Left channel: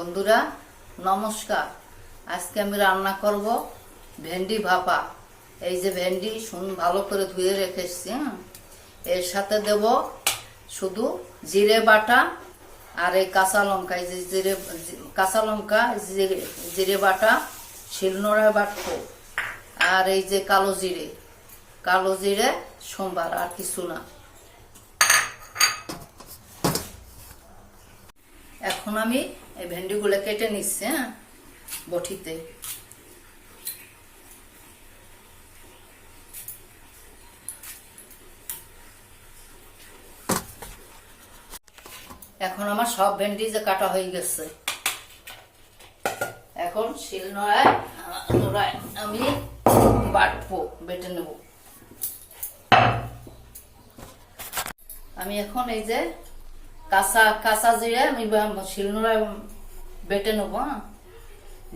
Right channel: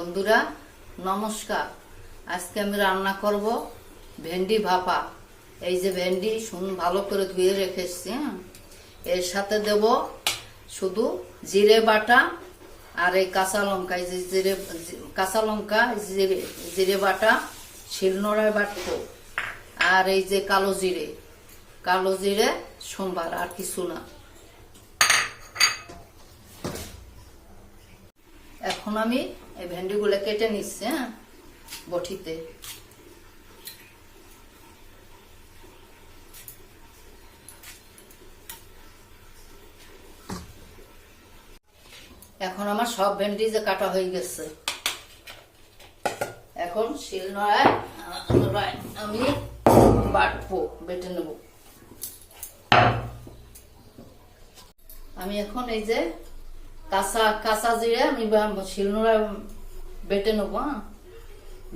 বন্ধুরা নমস্কার। আজকে আমি রান্না করব ভেন্ডি ভাপা। এই যে ভেন্ডি ভালো করে ধুয়ে রেখেছি, এর সাথে দেব শুধু জিরে বাটা আর এই কাঁচা লঙ্কা। এই যে কাঁচা লঙ্কা, জিরে বাটা শিলনোড়ায় বাটবো, আর এই যে কালো জিরে সোমবার, আর কিছু না। এখন আমি এই ভেন্ডিগুলো কেটে নিচ্ছি বটিতে। এখন আমার সব ভেন্ডি যে কাটা হয়ে গেছে, এখন শিলনোড়ায় আমি বেটে নেব। আমি এখন এই যে কাঁচা জিরে আমি শিলনোড়ায় বেটে নেব,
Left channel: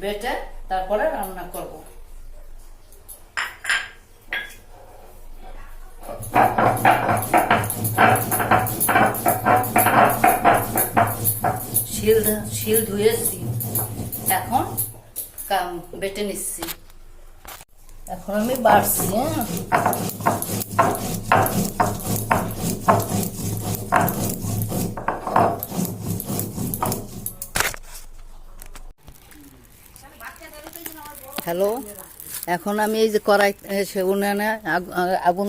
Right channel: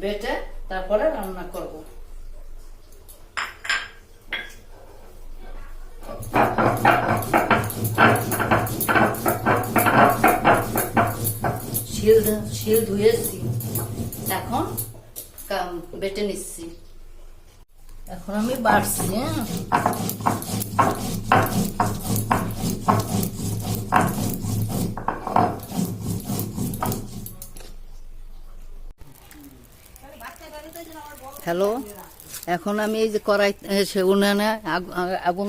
বেটে তারপরে রান্না করব। শিল ধুয়েছি, এখন বেটে নিচ্ছি। এখন আমি বাড়ছি। হ্যালো, এখন আমি এই যে কড়াই উনানে আগুন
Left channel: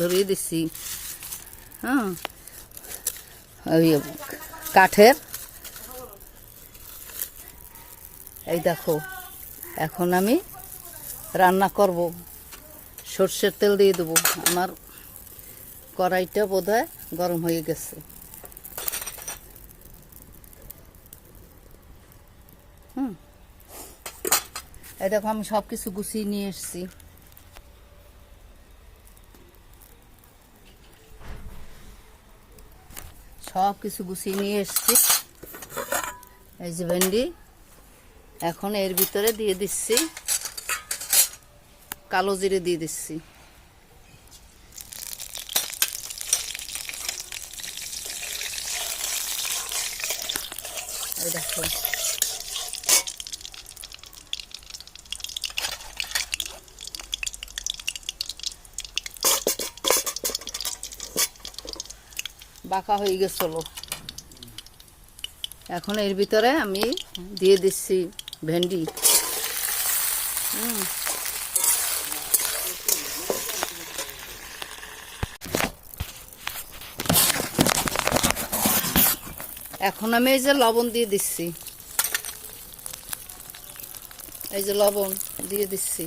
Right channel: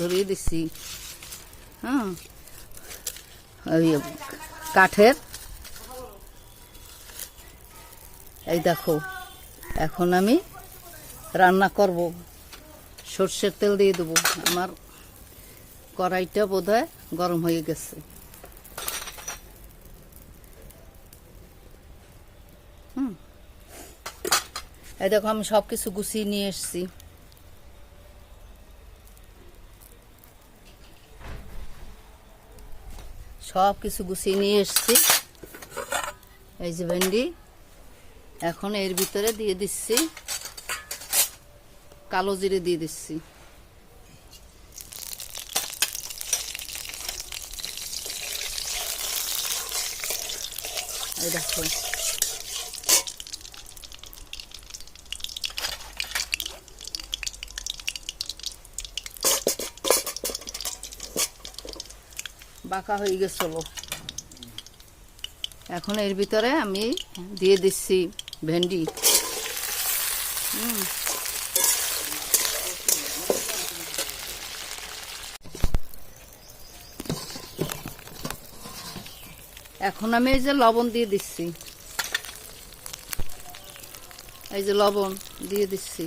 ধরিয়ে দিচ্ছি, কাঠের। এই দেখো, এখন আমি রান্না করব। সর্ষের তেল দিয়ে দেবো। আমার কড়াইটা বোধহয় গরম হয়ে গেছে। এই দেখো, আমি সবকিছু গুছিয়ে নিয়ে এসছি। সবকিছু গুছিয়ে নিয়ে এসছি। এই যে ভেন্ডি, এখন এর ভিতরে দিয়ে দিচ্ছি কালো জিরে, দিয়ে দিচ্ছি। এই দেখো, বাঁকা হয়ে গেছিল। এখন এর ভিতরে আমি দিয়ে দিচ্ছি ভেন্ডি। এখন আমি এই যে লবণ দিয়ে দিচ্ছি, এই যে লবণ দিয়ে দিচ্ছি।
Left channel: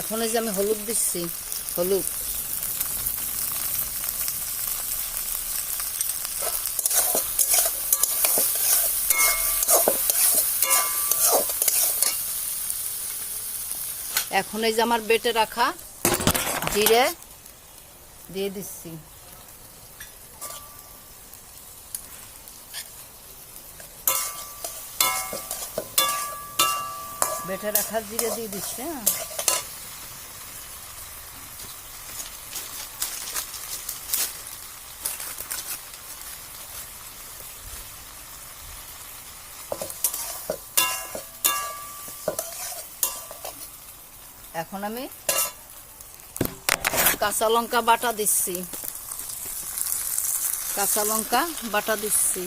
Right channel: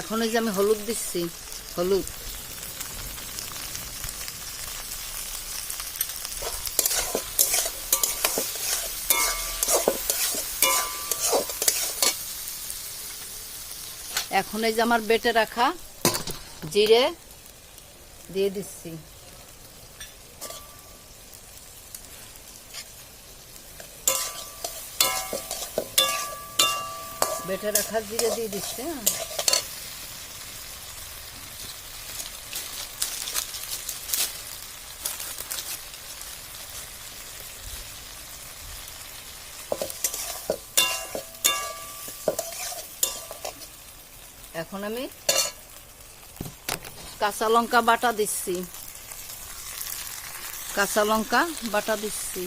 এখন এই যে আমি হলুদ দিচ্ছি, হলুদ। এখন এই যে আমার বেটে রাখা জিরে দিয়ে দিচ্ছি। বেটে রাখা জিরে দিয়ে দিচ্ছি। এখন আমি কাঁচা লঙ্কা বাটা দিচ্ছি, কাঁচা লঙ্কা বাটা দিচ্ছি।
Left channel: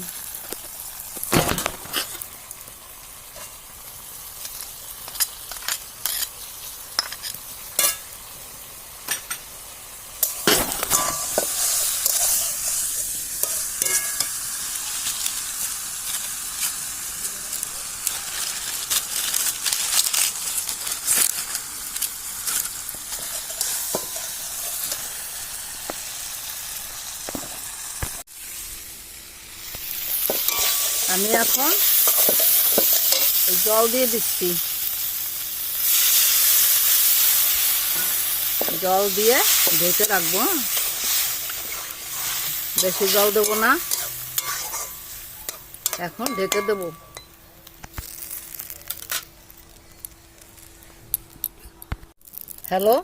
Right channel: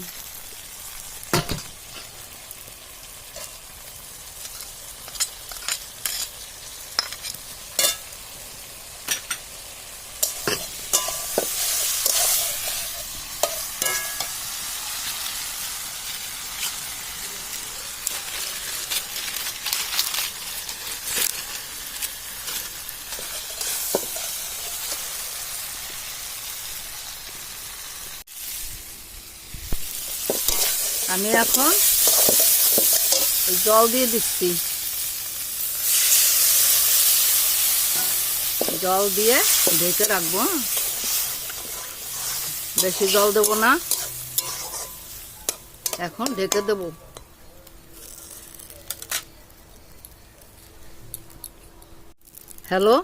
আমি এখন জল দিয়ে দিচ্ছি। জল দিয়ে ঢেকে রাখবো। বেশি জল দেব না, এখন ঢেকে দেব। হ্যালো,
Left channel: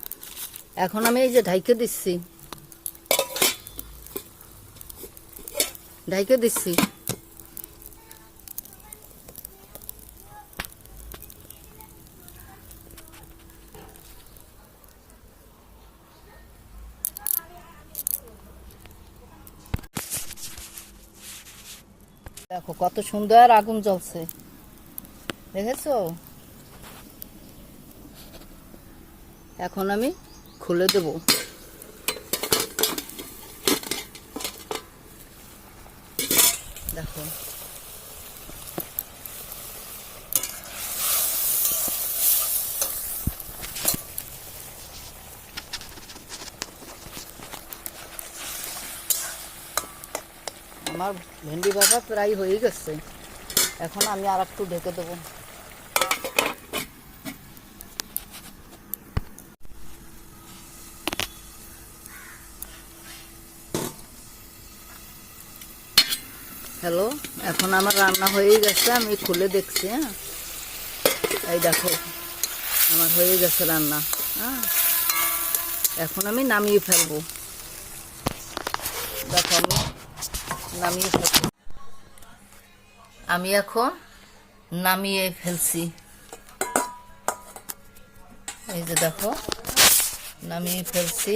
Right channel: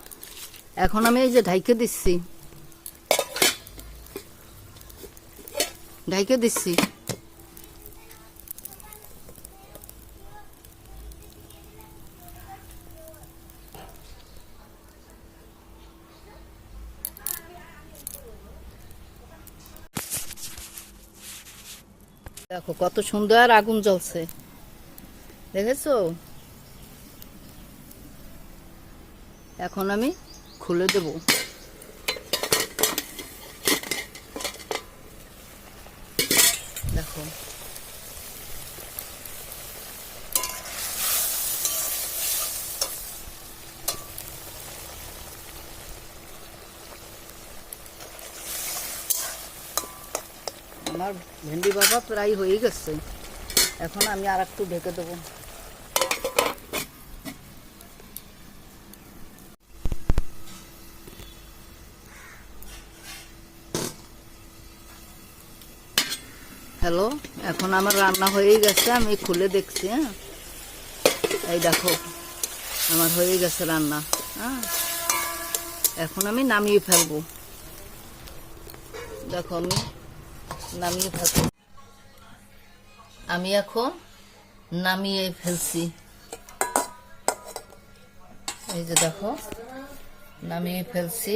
এখন আমি এই যে ঢাইকে দিচ্ছি, দেখো কত সুন্দর আগুন জ্বলছে, দেখেছো? এখন আমি খুলে দেব। দেখো আমার ভেন্ডি ভাপা প্রায় হয়ে গেছে, এখন আমি আর একটু ঢেকে দেবো। হ্যালো, এখন আমার রান্না হয়ে গেছে, আমি খুলে দেখছি। হ্যাঁ, এই দেখো আমার হয়ে গেছে রান্না। হ্যাঁ, এখন আমি নামিয়ে ফেলবো। দেখো আমি নামিয়ে ফেলবো, আমি এখন নামিয়ে ফেলছি। এই যে দেখো নামিয়ে ফেলছি।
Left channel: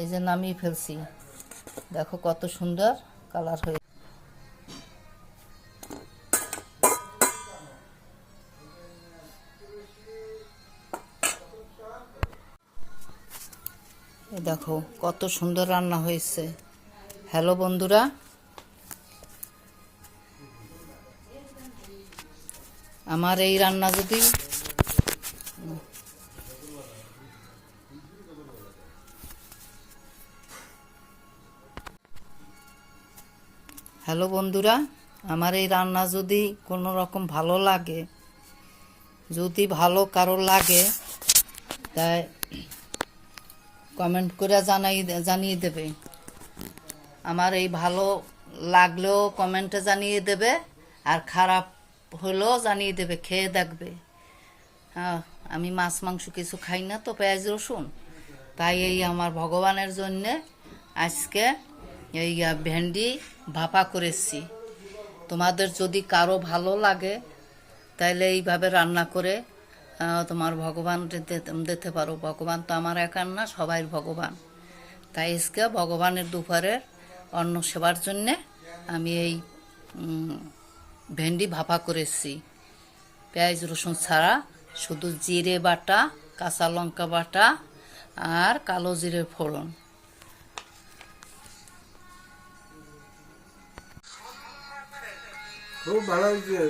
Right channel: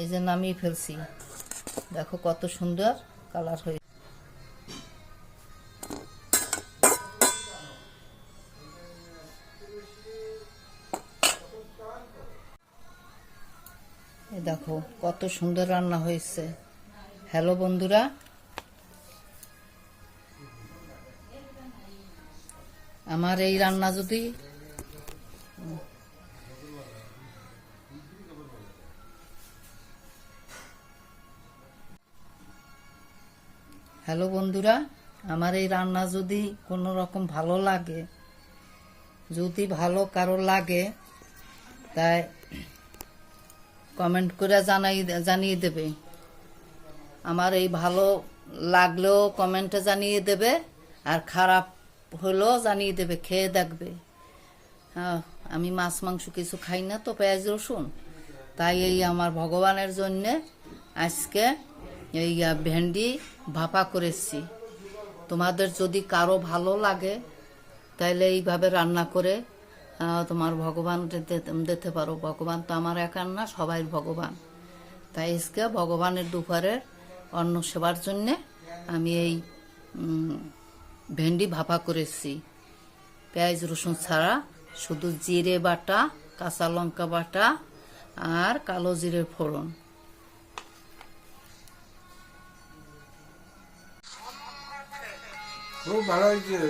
এই যে নামিয়ে ফেলছি, দেখো কত সুন্দর কালার হয়ে। দেখো কত সুন্দর রান্না হয়েছে। হ্যালো বন্ধুরা, আমার এই রান্না যদি হ্যালো বন্ধুরা, আমার এই রান্না যদি কোনো রকম ভালো লাগে, যদি ভালো কারো লাগে, তাই কমেন্ট করে জানিয়ে দেবে। আমার এই ভালো লাগলেও কমেন্টে জানিয়ে দেবে, আর খারাপ হলেও জানিয়ে দেবে, খেয়ে দেখবে। হ্যাঁ, আমি মাছ মাংস কিছু খাই না তো, পেঁয়াজ রসুন, তাই এই আমার ভগবানের জন্যে আজকে এই ভেন্ডি ভাপা করেছি। তোমাদের যদি কারো ভালো লাগে তাহলে এইভাবে রান্না করে তোমার ভগবান দিতে পারো। ভগবান তো আমার একার না, সবাই ভগবান। তাই আজকে ভগবানের দুপুরে অন্ন সেবার জন্যে আমি এই ভেন্ডি ভাপা করেছি, পেঁয়াজ রসুন ছাড়া, শুধু জিরে বাটা, কাঁচা লঙ্কা বাটা আর কালো জিরে ফোড়ন। খুব ভালো হয়েছে।